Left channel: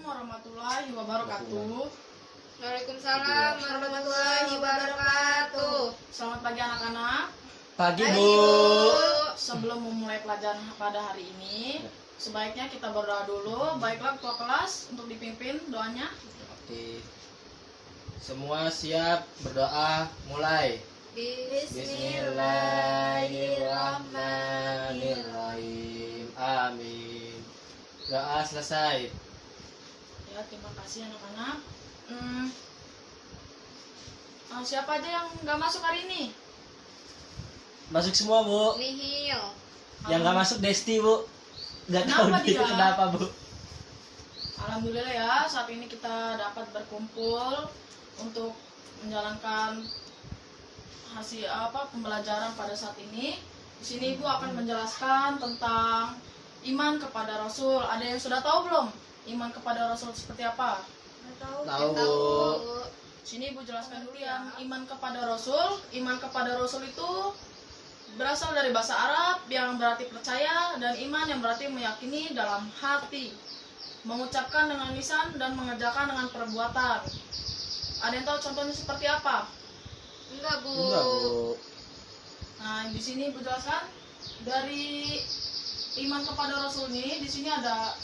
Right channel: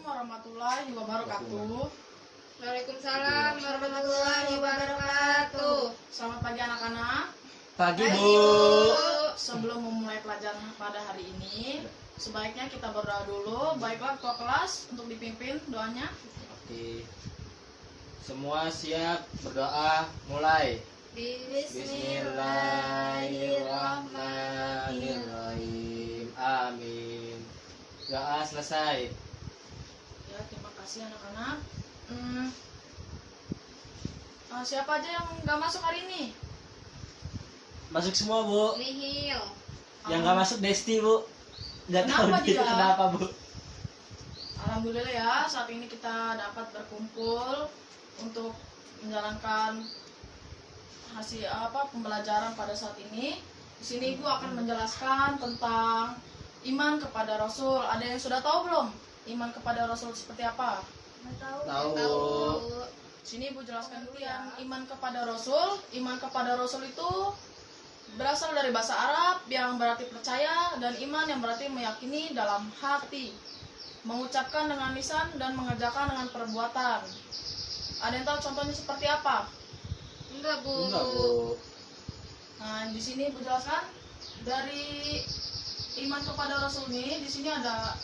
warahmatullahi wabarakatuh. Waalaikumsalam warahmatullahi wabarakatuh. Selamat pagi anak-anak. Pagi Pagi, Bu. Bu. Sebelum memulai pelajaran pada hari ini, sebaiknya kita berdoa dulu. Baiklah ketua kelas untuk dipimpin doanya. Oke. Semua siap berdoa, mulai. Bismillahirrahmanirrahim. Amin. Doa selesai. Ya, terima kasih anak-anak. Siapa aja yang nggak masuk hari ini? Masuk semua Bu. Nihil. Yang nggak masuk Desti Bu. Nggak tahu Kenapa dia? kenapa Bu. Alhamdulillah ya, saat ini kita dapat berkumpul untuk menjalankan hasil pembelajaran pada saat ini. Di sini Ibu akan menjelaskan tentang iman kepada Rasul. Ada yang sudah tahu belum? Iman kepada Rasul seperti apa? Tahu. Sini Ibu jelaskan dulu ya. Iman kepada Rasul. Iman kepada Rasul itu berasal dari bahasa Arab yang berarti percaya, dan iman yang berarti meyakini dalam hati, mengucapkan dengan lisan dan mengerjakan dengan perbuatan. Ada yang tahu contohnya seperti apa? Enggak, Bu. Enggak Bu. Nah, di sini Ibu jelaskan dari iman kepada Rasul ini. Di sini ada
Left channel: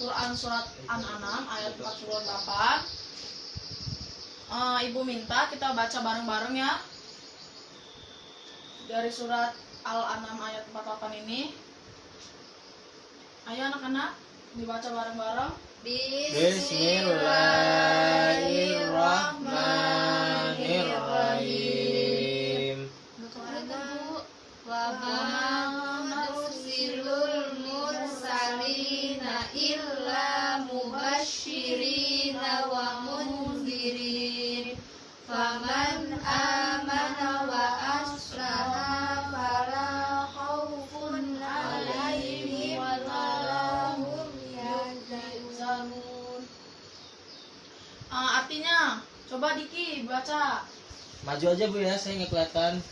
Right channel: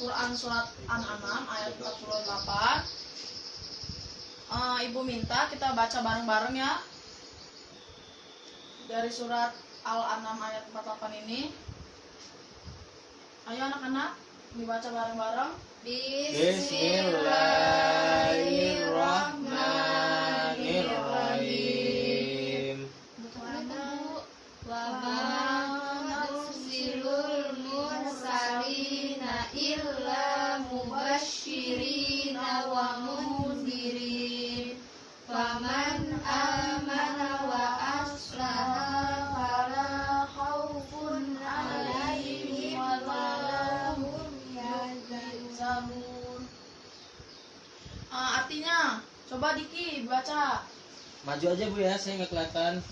Quran surat An-An'am ayat 48. Ibu minta kita baca bareng-bareng ya. Dari surat Al-An'am ayat 48 ini. Ayo anak-anak, dibaca bareng-bareng. Bismillahirrahmanirrahim. Wa ma nursilul mursalina illa mubashshirina wa munzirin. Faman amana wa aslaha fala khaufun alaihim wa la hum yahzanun. Artinya, coba Diki baca. Maju aja Bu ya, saya nggak kelihatan.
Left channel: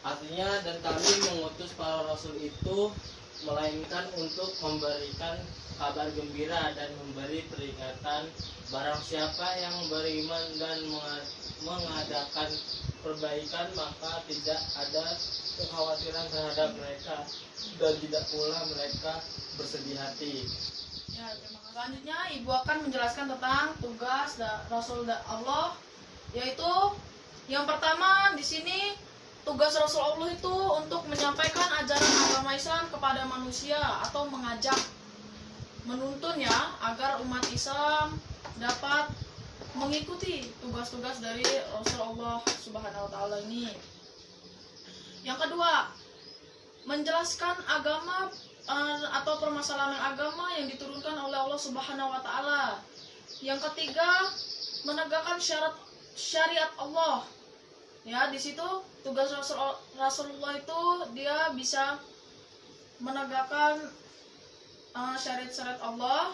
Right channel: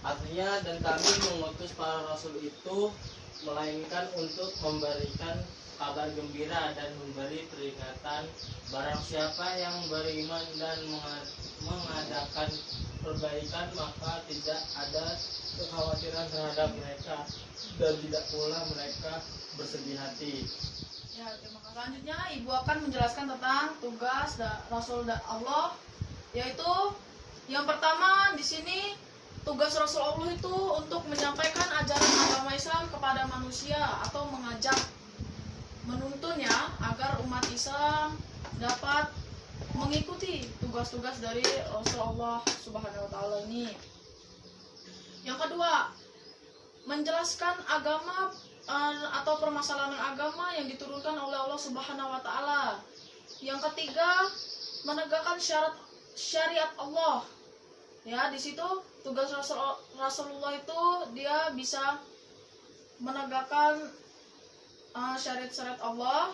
Artinya, dan kami mengutus para rasul itu melainkan untuk memberikan kabar gembira dan memberi peringatan. Barang siapa yang beriman dan mengadakan perbaikan, maka tidak ada kekhawatiran terhadap mereka, dan tidak pula mereka bersedih hati. Ya, terima kasih. Selanjutnya Ibu akan menjelaskan tentang tugas Rasul Allah, yaitu yang pertama di sini tugas Rasul Allah itu untuk menyampaikan ajaran agama Islam kepada manusia atau mengajak, menuntun ya, agar umat Islam dapat mengikuti tugas-tugas dari Rasulullah Subhanahu wa taala ini. Yang kedua, menjelaskan agama atau permasalahan agama yang diturunkan oleh Allah Subhanahu wa taala. Yang ketiga, menegakkan syariat Allah. Ya, di situ tugas Rasulullah itu dia bisa menegakkan syariat-syariat Allah.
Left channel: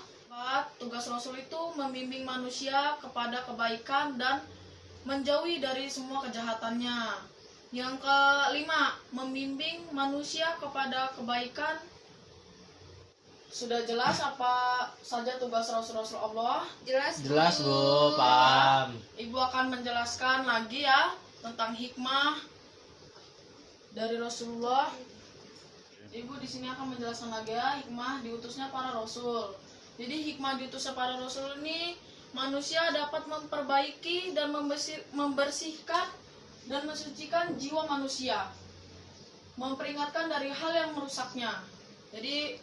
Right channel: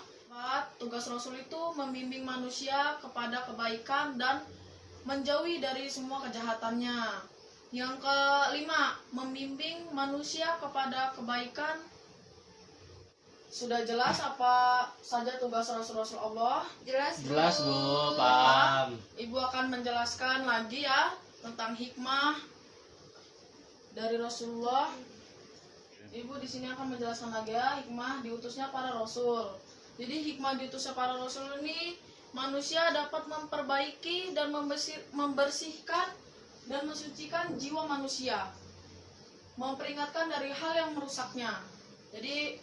Tugas Rasul itu membimbing manusia kepada kebaikan dan menjauhi dari semua kejahatannya. Yang kelima, membimbing manusia kepada kebaikan. Sudah jelas apa saja tugas Rasul Allah? Jelas Bu, paham. Ibu akan menjelaskan lagi ya tentang hikmah dari Rasulullah. Ibu di sini akan menjelaskan lagi ya hikmah diutusnya para rasul. Jadi hikmah diutusnya para rasul ini, manusia dapat memperbaiki dan membersihkan dan mensucikan jiwa manusia, memperingatkan dari hal yang merusaknya. Jadi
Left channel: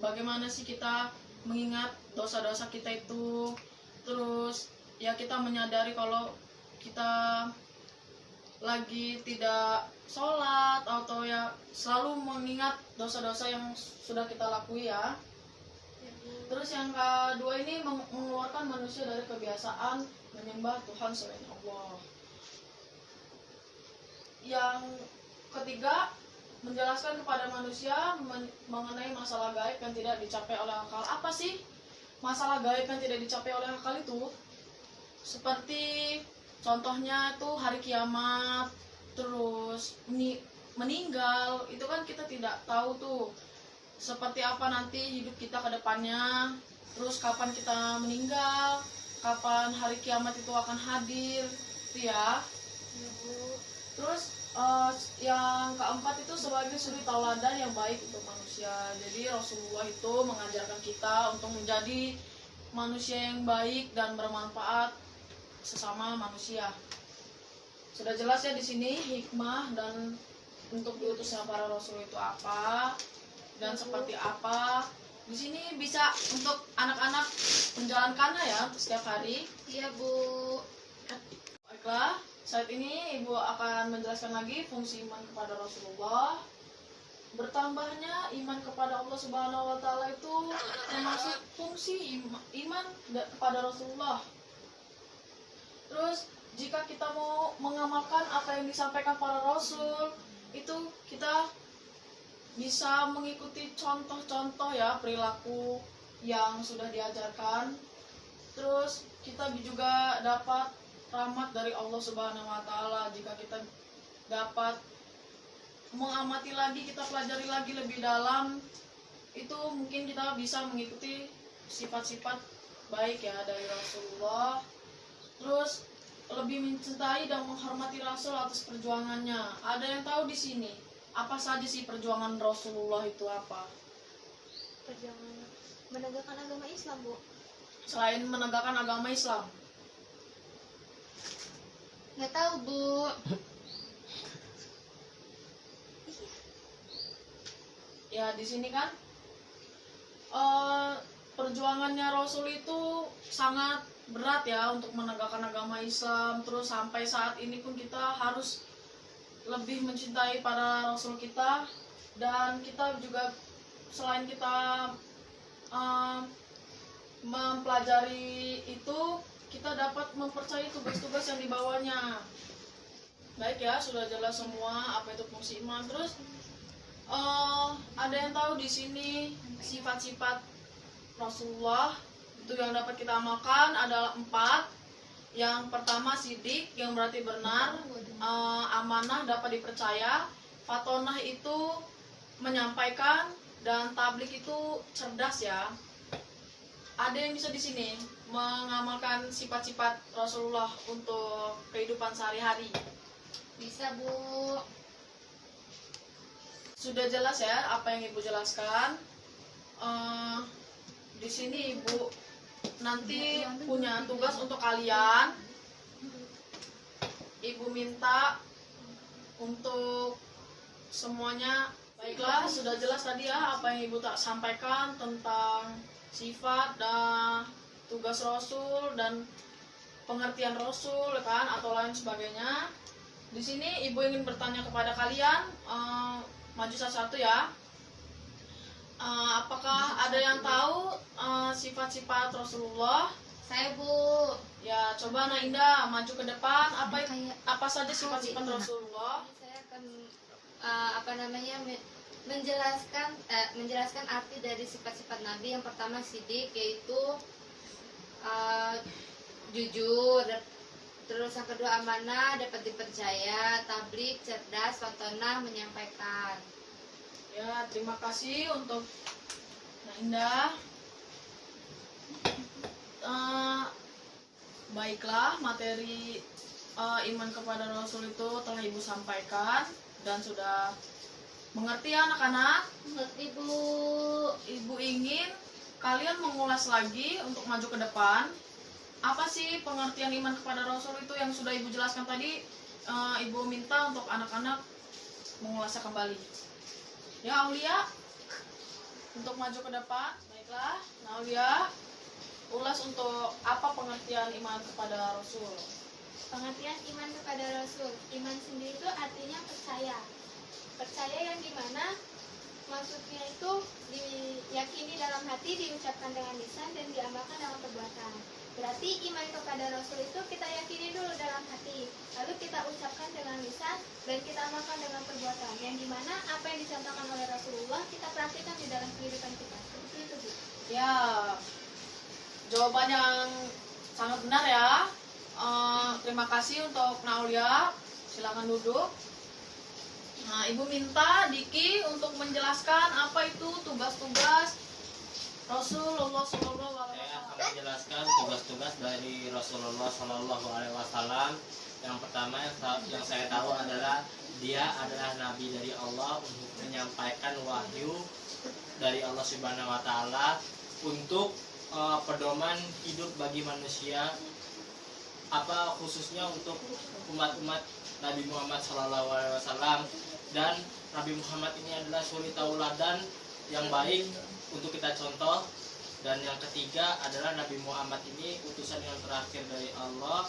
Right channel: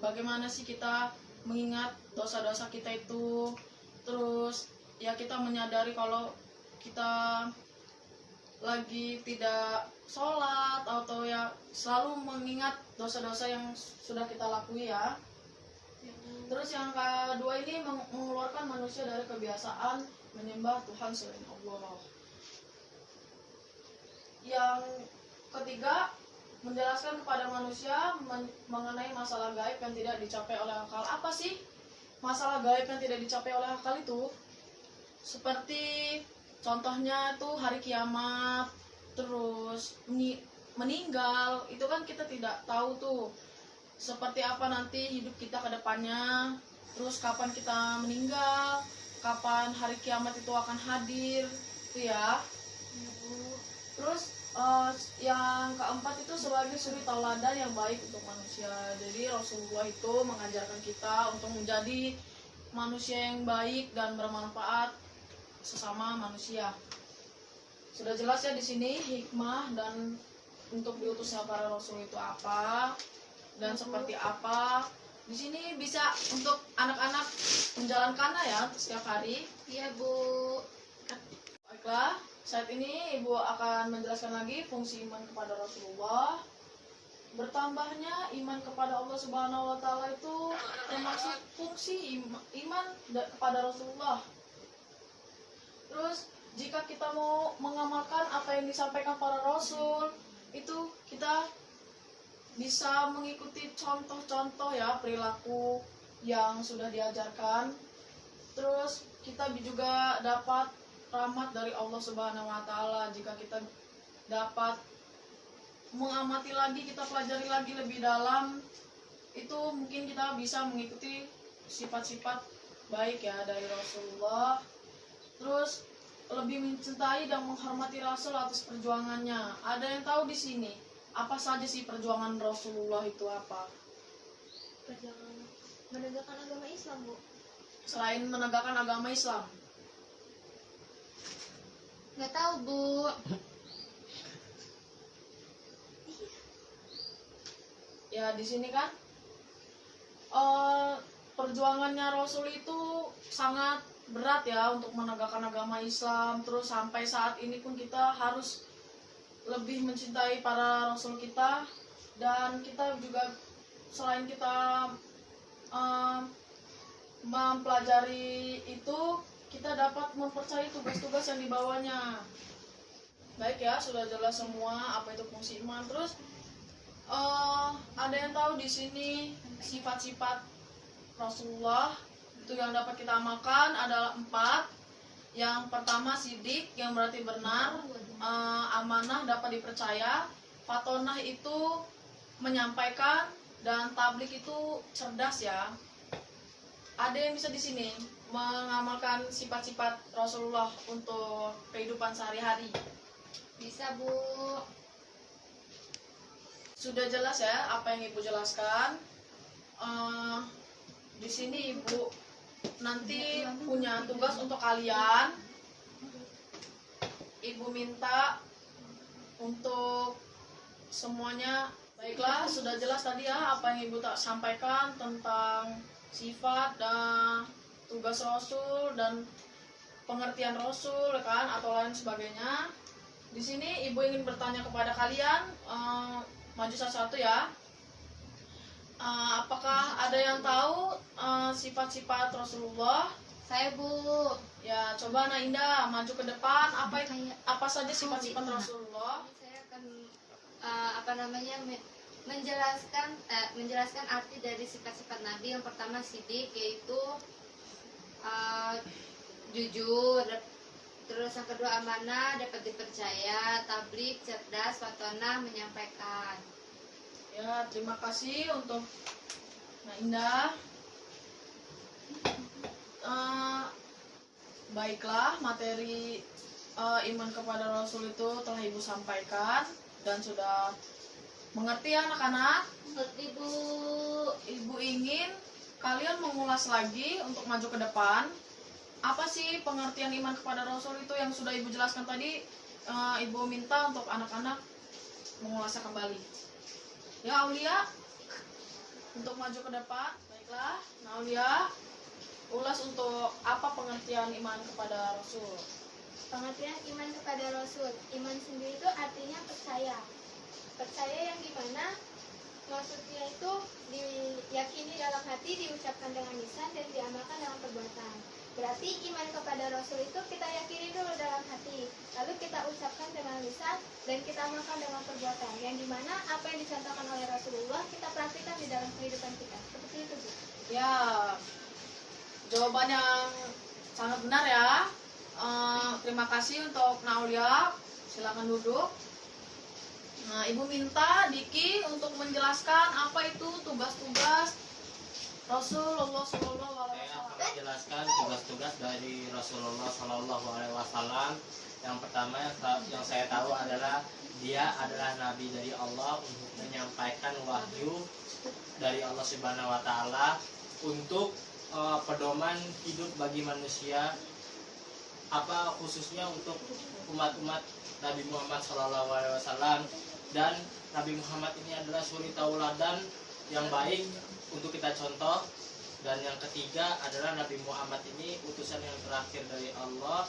bagaimana sih kita mengingat dosa-dosa kita itu, terus ya kita menyadari kalau kita lagi tidak sholat atau ya selalu mengingat dosa-dosa yang sudah kita lakui ya. Terus yang kedua ini mengeluarkan manusia dari kebiasaan menyembah Tuhan selain Allah. Yang ketiga, menjelaskan kepada manusia mengenai masalah gaib yang tidak dicapai oleh akal. Apa sih masalah gaib yang tidak dicapai oleh akal itu? Seperti contohnya itu hari kiamat, terus meninggal, itu kan kita tidak tahu tuh. seperti apa nanti hidup kita ke depannya, terus kapan kita meninggal, kapan hari kiamat itu akan hadir, itu ya. Ya, Bu. Terus yang keempat itu sebagai suri tauladan yang baik untuk manusia. Jadi Rasulullah itu mengajarkan kita untuk menjadi manusia yang baik dan bermanfaat sesama manusia. Sudah jelas ya di sini hikmah dan untuk diutusnya para rasul itu apa dan seperti apa. Di sini bisa untuk anak-anak menjalankannya ya untuk setiap hari. Iya, Bu. Baiklah, saat ini Ibu akan menjelaskan lagi fungsi iman kepada Rasulullah. Bertambahnya iman kepada Allah Subhanahu wa taala itu termasuk fungsi iman kepada Rasulullah. Terus jika kita mau mengamalkan apa yang disampaikan para rasul, itu kita bisa mengikuti contoh-contoh ya perilaku yang sudah diajarkan. Terus kita juga dapat rahmat dari Allah Subhanahu wa taala jika kita dapat mengamati lagi, kita pelajari lagi lebih dalam, itu mungkin kita bisa mengikuti sifat-sifat baik ya dari Rasulullah. Terus lebih mencintai dan menghormati Rasul atas perjuangannya. Ada yang tahu di sini apa saja sih perjuangan Rasulullah itu apa? Perjuangan menegakkan agama Islam, Bu. Selain menegakkan agama Islam. Nggak tahu, Bu. Ya di sini kan perjuangannya Rasul itu sangat berat ya untuk menegakkan agama Islam. Terus sampai saat ini pun kita harus lebih mencintai para Rasul kita, dan kita juga selain kita mempelajari itu, kita dapat mempercayai tugas-tugas yang dibawanya. Baik ya, sudah jelas semua apa itu fungsi iman. Terus ada yang tahu di sini sifat-sifat Rasulullah itu yang dapat kita amalkan adalah 4. Yang pertama sidik, yang berarti benar, amanah dapat dipercaya, fatonah itu menyampaikan, dan tablik itu cerdas ya. Ada yang bisa di sini mengamalkan sifat-sifat Rasulullah untuk kehidupan sehari-hari? Bisa, Bu. Sudah jelas ya apa yang Ibu jelaskan. Di sini Ibu nanti punya tugas untuk kalian. Ibu minta untuk semuanya. Baiklah, sudah jelas tadi ya apa yang Ibu tak sampaikan tentang sifat dan tugas Rasul dan pengertian Rasul kan atau lain sebagainya. Di sini Ibu ingin bertanya kepada kalian, maju satu-satu ya. Apakah ada yang tahu sifat-sifat Rasulullah? Saya, Bu. Ya, coba Nak Indah maju ke depan. Apa saja sifat-sifat Rasulullah? Ini saya akan menjelaskan arti dari sifat-sifat Nabi. Yang pertama sidik, yaitu jujur. Terus yang kedua amanah, dapat dipercaya. Tablik, cerdas. Fatonah, menyampaikan. Ya, terima kasih untuk Nak Indah. Baiklah, materi iman kepada Rasul itu telah Ibu sampaikan dan sudah mengerti ya anak-anak. Mengerti, Bu. Ibu ingin kalian mengulas lagi untuk maju ke depan. Apa sih pengertian iman kepada Rasul itu yang sudah Ibu jelaskan tadi? Ibu minta untuk anak-anak mengulasnya kembali. Ya, Aulia, untuk maju ke depan. Baiklah, nah Aulia, ulas untuk apa pengertian iman kepada Rasul. Pengertian iman kepada Rasul. Iman sendiri itu artinya percaya. Percaya yang dimana maksudnya itu diyakini dalam hati, diucapkan dengan lisan, dan diamalkan dalam perbuatan. Berarti iman kepada Rasul itu kita yakini dulu dalam hati, lalu kita ucapkan dengan lisan, dan kita amalkan dengan perbuatan. Yang dimana apa yang dicontohkan oleh Rasulullah kita praktikkan di dalam kehidupan kita. Seperti itu, Bu. Ya, jawaban yang sangat benar ya. Terima kasih untuk Naulia. Silakan duduk. Nah, Ibu minta Diki untuk menjelaskan apa itu tugas-tugas Rasulullah Shallallahu Alaihi Saya akan Wasallam. menjelaskan tugas-tugas dari Rasulullah Shallallahu Alaihi Wasallam. Yang pertama yang saya tahu adalah dia adalah nabi dari Allah untuk menyampaikan wahyu dari Allah Subhanahu Wa Taala untuk pedoman hidup bagi manusia, apa khususnya untuk umat-umat Nabi Muhammad Shallallahu Alaihi Wasallam. Dan Nabi Muhammad ini adalah suri tauladan yang baik untuk kita contoh. Dan yang ketiga adalah Nabi Muhammad ini utusan yang terakhir dari Allah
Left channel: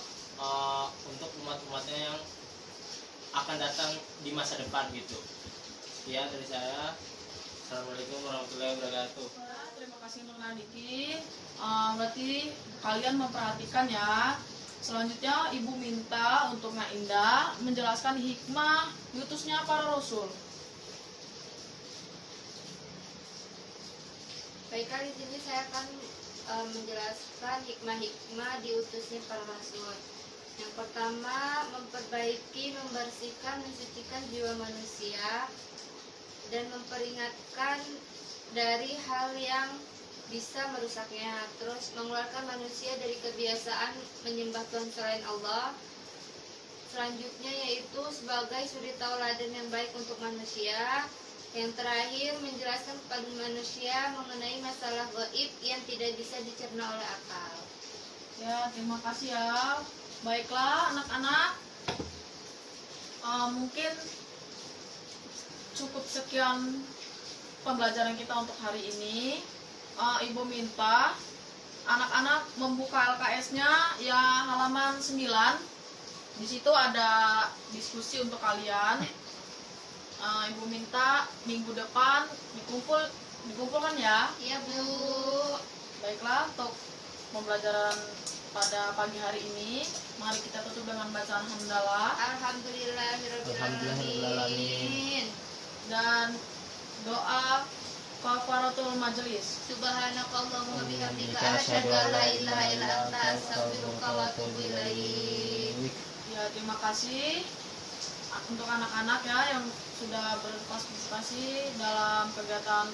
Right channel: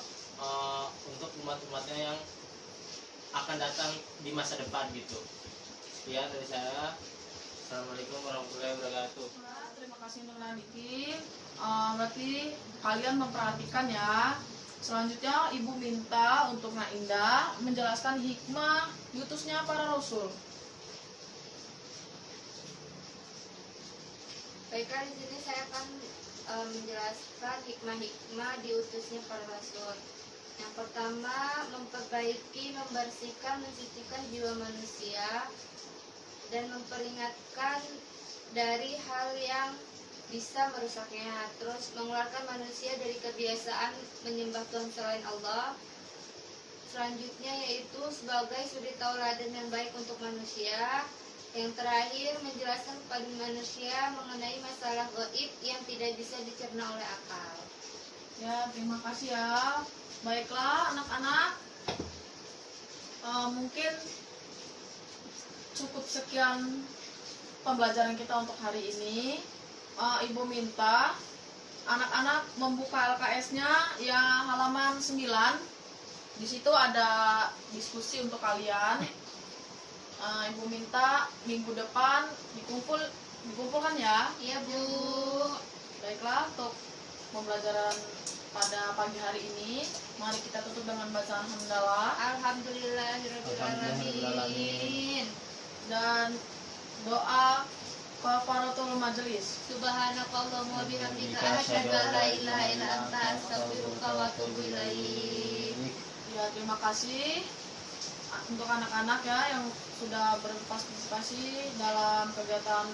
untuk umat-umatnya yang akan datang di masa depan gitu. Sekian dari saya. Assalamualaikum warahmatullahi wabarakatuh. Nah, terima kasih untuk Diki. Berarti kalian memperhatikan ya. Selanjutnya Ibu minta untuk Nak Indah menjelaskan hikmah diutusnya para rasul. Baiklah, di sini saya akan menjelaskan hikmah-hikmah diutusnya para rasul. Yang pertama, memperbaiki, membersihkan, mensucikan jiwa manusia dan memperingatkan dari hal yang bisa merusaknya. Terus mengeluarkan manusia dari kebiasaan menyembah Tuhan selain Allah. Selanjutnya yaitu sebagai suri tauladan yang baik untuk manusia. Yang terakhir, menjelaskan kepada manusia mengenai masalah gaib yang tidak bisa dicerna oleh akal. Ya, terima kasih ya. Baiklah anak-anak, mungkin cukup sekian pembelajaran kita untuk hari ini. Ibu minta anak-anak membuka LKS-nya ya halaman 9. Di situ ada diskusi untuk kalian. Ibu minta minggu depan dikumpulkan ya. Iya, Bu. Baiklah, untuk pembelajaran pada pagi hari ini, mari kita tutup dengan bacaan hamdalah Alhamdulillahirrahmanirrahim. dan doa kafaratul majelis. Subhanakallahumma bihamdika asyhadu an la ilaha illa anta astaghfiruka wa atubu ilaik. Ya, terima kasih untuk anak-anak ya yang sudah berpartisipasi dalam kegiatan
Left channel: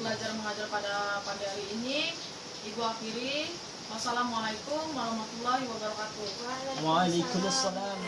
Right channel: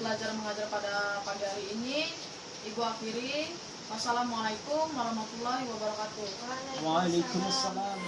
belajar mengajar pada pagi hari ini. Ibu akhiri. Wassalamualaikum warahmatullahi wabarakatuh. Waalaikumsalam.